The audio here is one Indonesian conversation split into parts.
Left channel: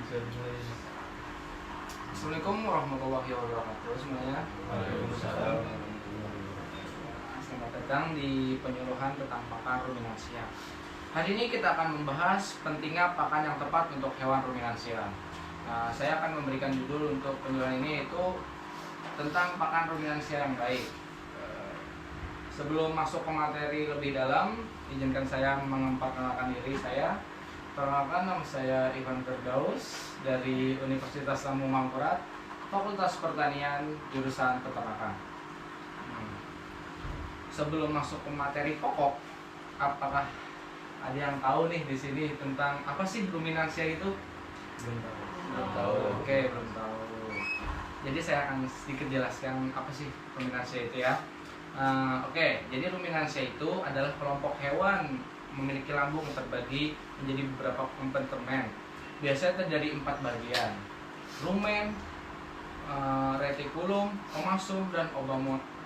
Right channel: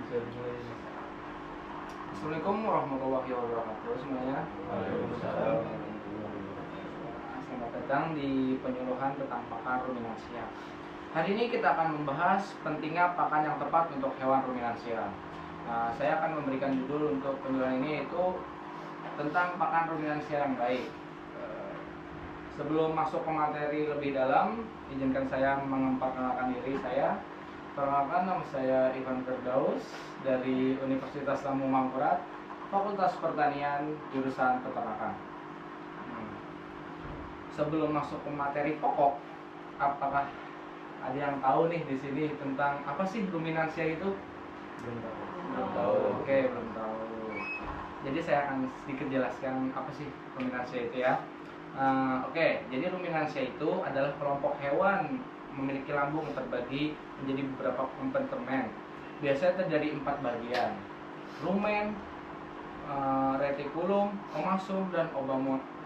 Assalamualaikum warahmatullahi wabarakatuh semuanya. Waalaikumsalam. Selamat datang di penyuluhan tentang pakan ruminansia. Hari ini kita akan membahas pentingnya pakan yang tepat untuk hewan ruminansia. Saya akan memberikan judul untuk penyuluhan ini, yaitu tentang pakan ruminansia yang baik. Sebelum masuk ke materi lebih dalam, izinkan saya memperkenalkan diri saya. Perkenalkan, nama saya Ivan Firdaus dari Universitas Lampung Mangkurat, Fakultas Pertanian, jurusan Peternakan. Sebelum masuk ke materi pokok, apakah ada yang tahu nih di sini tentang apa sih ruminansia itu? Belum tahu. Oke, belum tahu. Jadi saya akan sedikit jelaskan apa sih ruminansia itu ya. Oke, jadi ruminansia itu adalah kelompok hewan memiliki lambung terbagi menjadi beberapa kompartemen. Biasanya terdiri 4 bagian: rumen, retikulum, omasum, dan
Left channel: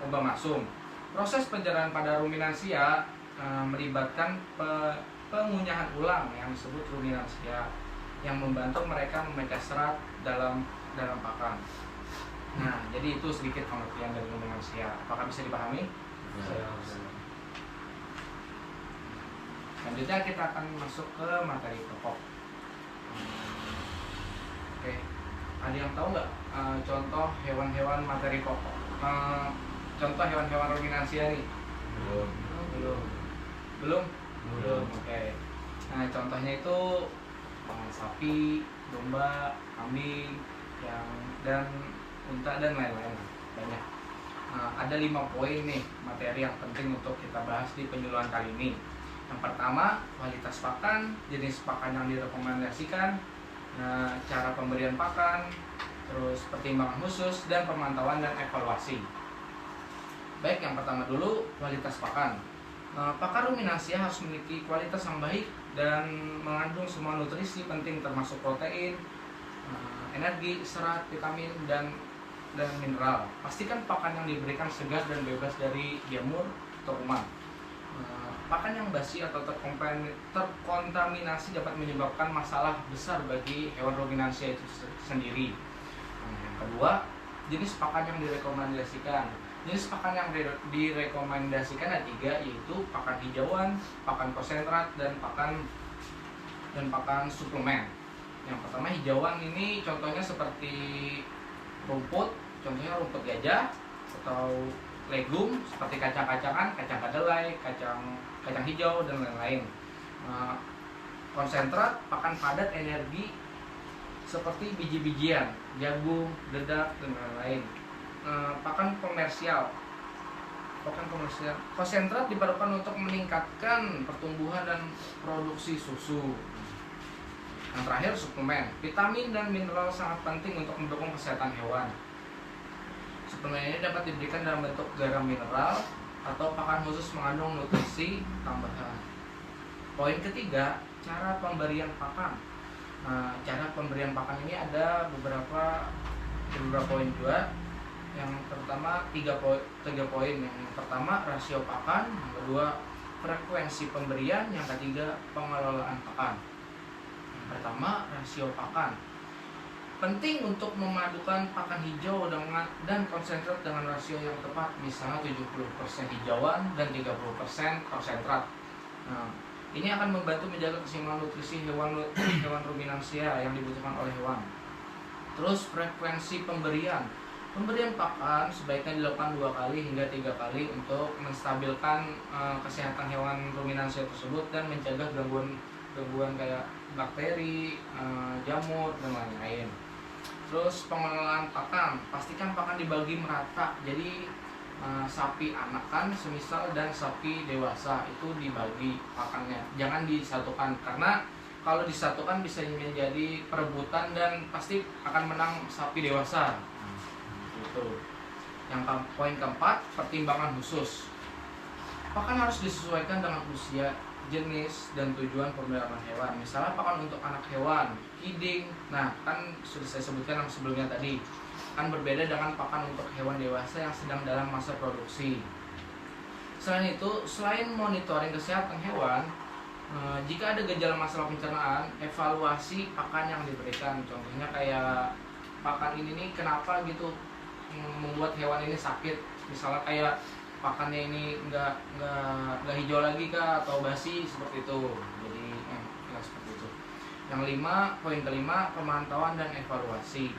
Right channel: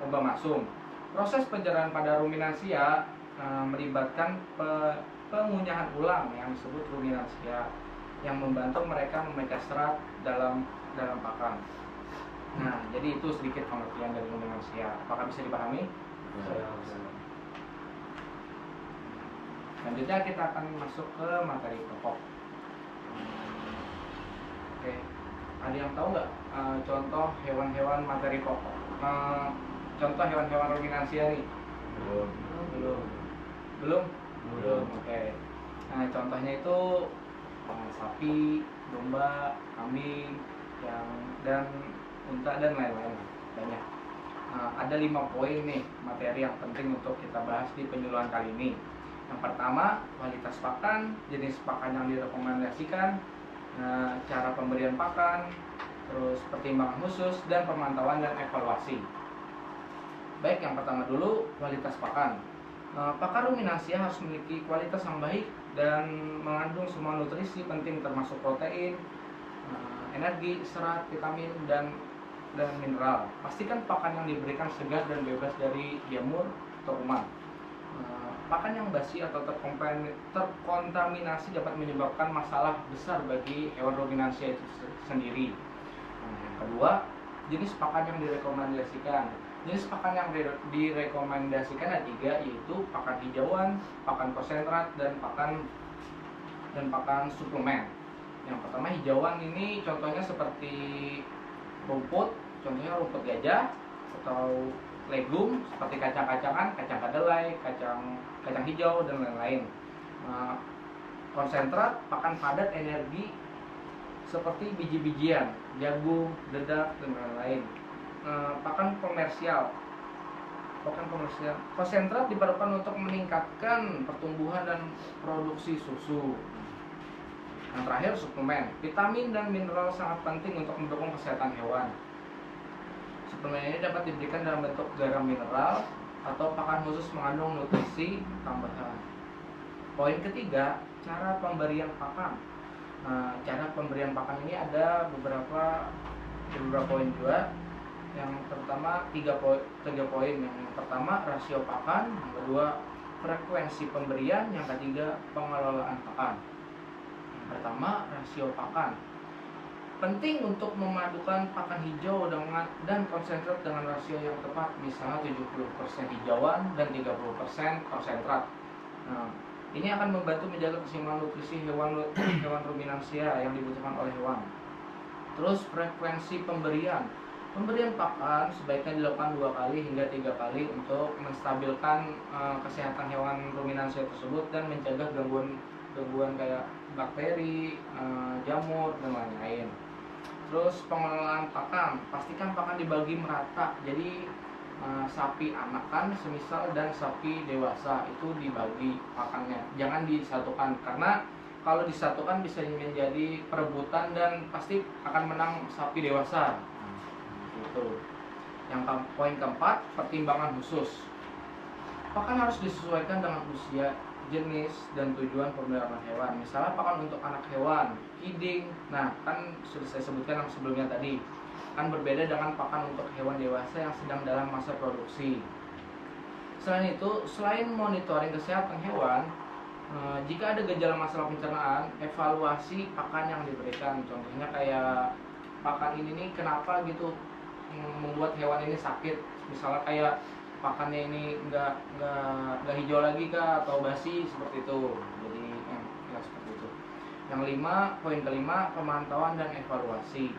obamasum. Proses pencernaan pada ruminansia melibatkan pengunyahan ulang yang disebut ruminansia, yang membantu mereka memecah serat dalam pakan. Nah, jadi itu sedikit pengertian dari ruminansia. Apakah bisa dipahami? Selanjutnya kita akan masuk ke materi pokok. Oke, ada yang tahu nggak contoh hewan-hewan materi pokok? Contoh hewan-hewan ruminansia nih? Belum. Oke. Nah, contohnya itu sapi, domba, kambing, dan unta dan lain-lain. Banyak. Ada 5 poin nih materi yang penting untuk kita bahas di penyuluhan kali ini. Yang pertama, kualitas pakan, jenis pakan yang direkomendasikan, cara pemberian pakan, terus pertimbangan khusus, dan pemantauan dan evaluasi. Baik, yang pertama dulu, kualitas pakan. Pakan ruminansia harus memiliki kualitas yang baik dan mengandung semua nutrisi penting termasuk protein, energi, serat, vitamin, dan mineral. Pastikan pakan yang diberikan segar dan bebas dari jamur atau kuman. Pakan yang basi atau terkontaminasi dapat menyebabkan masalah besar bagi hewan ruminansia itu sendiri. Yang kedua, jenis pakan yang direkomendasikan. Jenis pakan yang direkomendasikan ada 3, yaitu pakan hijauan, pakan konsentrat, dan pakan suplemen. Yang pertama, hijauan ini contohnya seperti rumput, contohnya rumput gajah, atau legum seperti kacang-kacangan, kacang kedelai, kacang hijau, dan lain-lain. Konsentrat, pakan padat energi seperti biji-bijian, jagung, dedak, dan lain-lain. Pakan komersial. Konsentrat diperlukan untuk meningkatkan pertumbuhan dan produksi susu. Yang terakhir, suplemen. Vitamin dan mineral sangat penting untuk mendukung kesehatan hewan. Suplemen ini dapat diberikan dalam bentuk garam mineral atau pakan khusus mengandung nutrisi tambahan. Poin ketiga, cara pemberian pakan. Cara pemberian pakan ini ada beberapa poin juga. Yang pertama 3 poin. Yang pertama, rasio pakan. Yang kedua, frekuensi pemberian. Yang ketiga, pengelolaan pakan. Yang pertama, rasio pakan. Penting untuk memadukan pakan hijau dan konsentrat dengan rasio yang tepat, misalnya 70% hijauan dan 30% konsentrat. Ini akan membantu menjaga keseimbangan nutrisi hewan ruminansia yang dibutuhkan oleh hewan. Terus, frekuensi pemberian. Pemberian pakan sebaiknya dilakukan 2 kali hingga 3 kali untuk menstabilkan kesehatan hewan ruminansia tersebut dan mencegah gangguan kayak bakteri, jamur, dan lain-lain. Terus, pengelolaan pakan. Pastikan pakan dibagi merata. Jadi sapi anakan semisal dan sapi dewasa itu dibagi pakannya. Jangan disatukan, karena kalau disatukan bisa menjadi perebutan dan pasti akan menang sapi dewasa. Gitu. Yang poin keempat, pertimbangan khusus. Pakan harus disesuaikan dengan usia, jenis, dan tujuan pemeliharaan hewan. Misalnya pakan untuk anak hewan, kiding. Nah, kan sudah saya sebutkan sebelumnya tadi, kan berbeda dengan pakan untuk hewan dewasa yang sedang dalam masa produksi. Selain itu, selain monitoring kesehatan hewan, Jika ada gejala masalah pencernaan, evaluasi pakan yang diberikan. Contohnya kayak pakan ini nih kenapa gitu membuat hewan ini sakit. Misalnya kayak pakannya ini nggak hijau lagi kah atau basi seperti itu. Jadi ya seperti itu. Poin kelima, pemantauan dan evaluasi.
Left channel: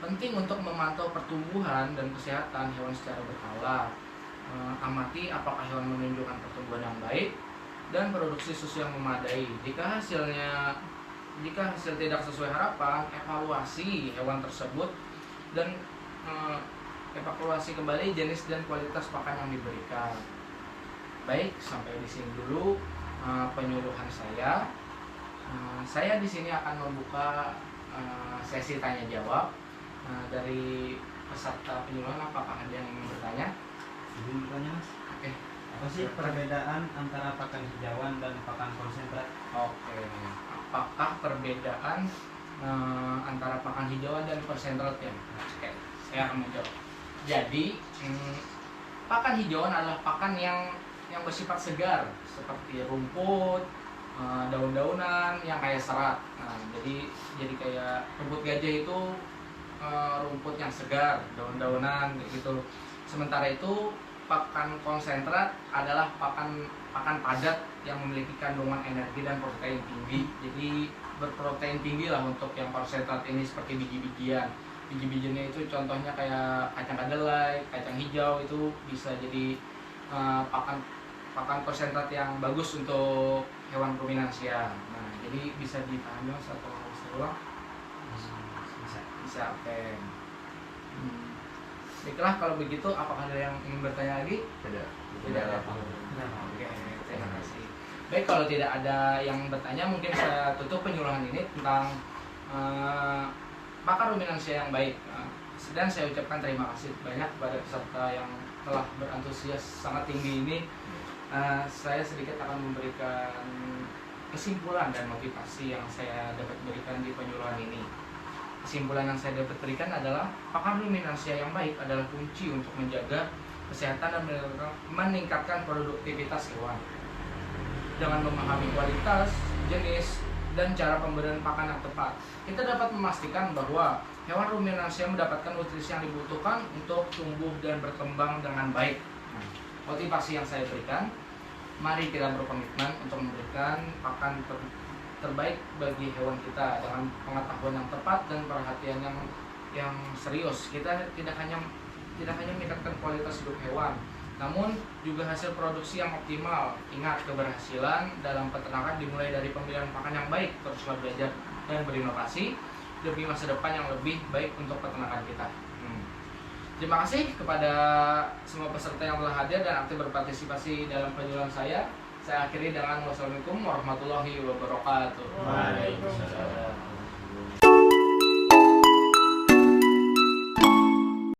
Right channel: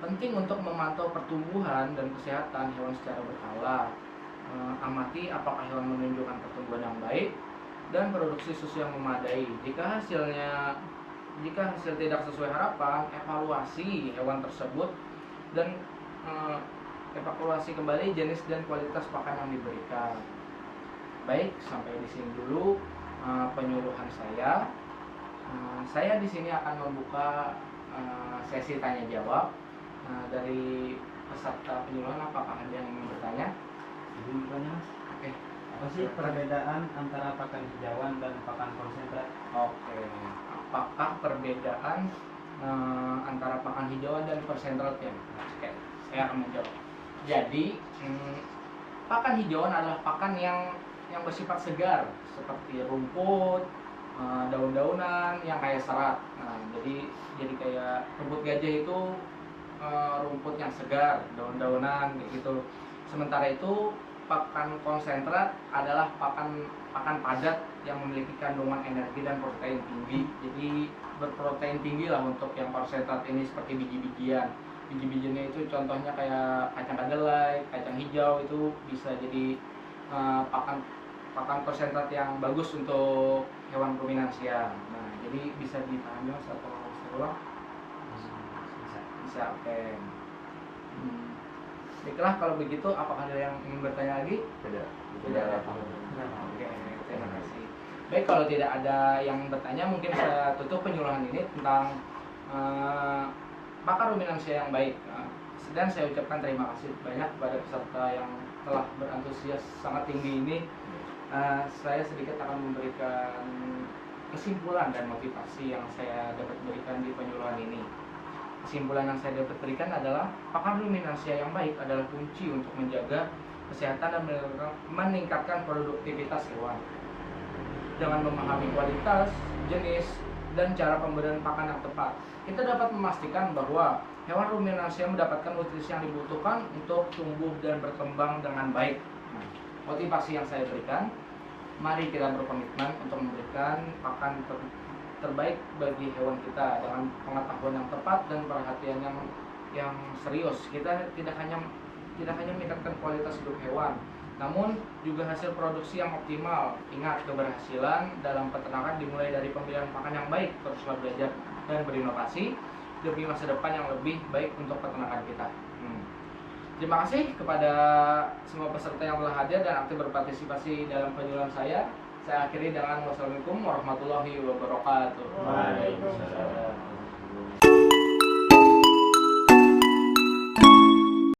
Penting untuk memantau pertumbuhan dan kesehatan hewan secara berkala. Amati apakah hewan menunjukkan pertumbuhan yang baik dan produksi susu yang memadai. Jika hasil tidak sesuai harapan, evaluasi hewan tersebut dan evaluasi kembali jenis dan kualitas pakan yang diberikan. Baik, sampai di sini dulu penyuluhan saya. Saya di sini akan membuka sesi tanya jawab dari peserta penyuluhan. Apakah ada yang ingin bertanya? Izin bertanya, Mas. Oke. Apa sih perbedaan antara pakan hijauan dan pakan konsentrat? Oke. Apakah perbedaan antara pakan hijauan dan konsentrat ya? Oke, saya akan menjawab. Jadi, pakan hijauan adalah pakan yang bersifat segar, seperti rumput, daun-daunan yang kaya serat. Nah, jadi kayak rumput gajah itu rumput yang segar, daun-daunan gitu. Sementara itu pakan konsentrat adalah pakan padat yang memiliki kandungan energi dan protein tinggi. Jadi berprotein tinggi lah untuk yang konsentrat ini, seperti biji-bijian. Biji-bijiannya itu contohnya kayak kacang kedelai, kacang hijau, itu bisa jadi pakan konsentrat yang bagus untuk hewan ruminansia. Nah, jadi bisa dipahami Mas atau bisa ulang? Bisa, oke. Baiklah, kalau begitu apakah ada yang ingin bertanya lagi? Tidak. Tidak. Oke, terima kasih. Baik, kalau tidak ada yang bertanya, mungkin saya tutup penyuluhan ini tentang pakan ruminansia yang baik. Dan saya ucapkan terima kasih banyak kepada peserta yang telah berantusias sangat tinggi ini. Saya sedikit akan memberikan kesimpulan dan motivasi yang saya dapat berikan di penyuluhan ini. Kesimpulan yang saya dapat berikan adalah pakan ruminansia yang baik adalah kunci untuk menjaga kesehatan dan meningkatkan produktivitas hewan. Dengan memahami kualitas, jenis, dan cara pemberian pakan yang tepat, kita dapat memastikan bahwa hewan ruminansia mendapatkan nutrisi yang dibutuhkan untuk tumbuh dan berkembang dengan baik. Motivasi yang saya berikan, mari kita berkomitmen untuk memberikan pakan terbaik bagi hewan kita dengan pengetahuan yang tepat dan perhatian yang serius. Kita tidak hanya meningkatkan kualitas hidup hewan, namun juga hasil produksi yang optimal. Ingat, keberhasilan dalam peternakan dimulai dari pemilihan pakan yang baik. Teruslah belajar dan berinovasi demi masa depan yang lebih baik untuk peternakan kita. Terima kasih kepada semua peserta yang telah hadir dan aktif berpartisipasi dalam penyuluhan saya. Saya akhiri dengan wassalamualaikum warahmatullahi wabarakatuh. Waalaikumsalam.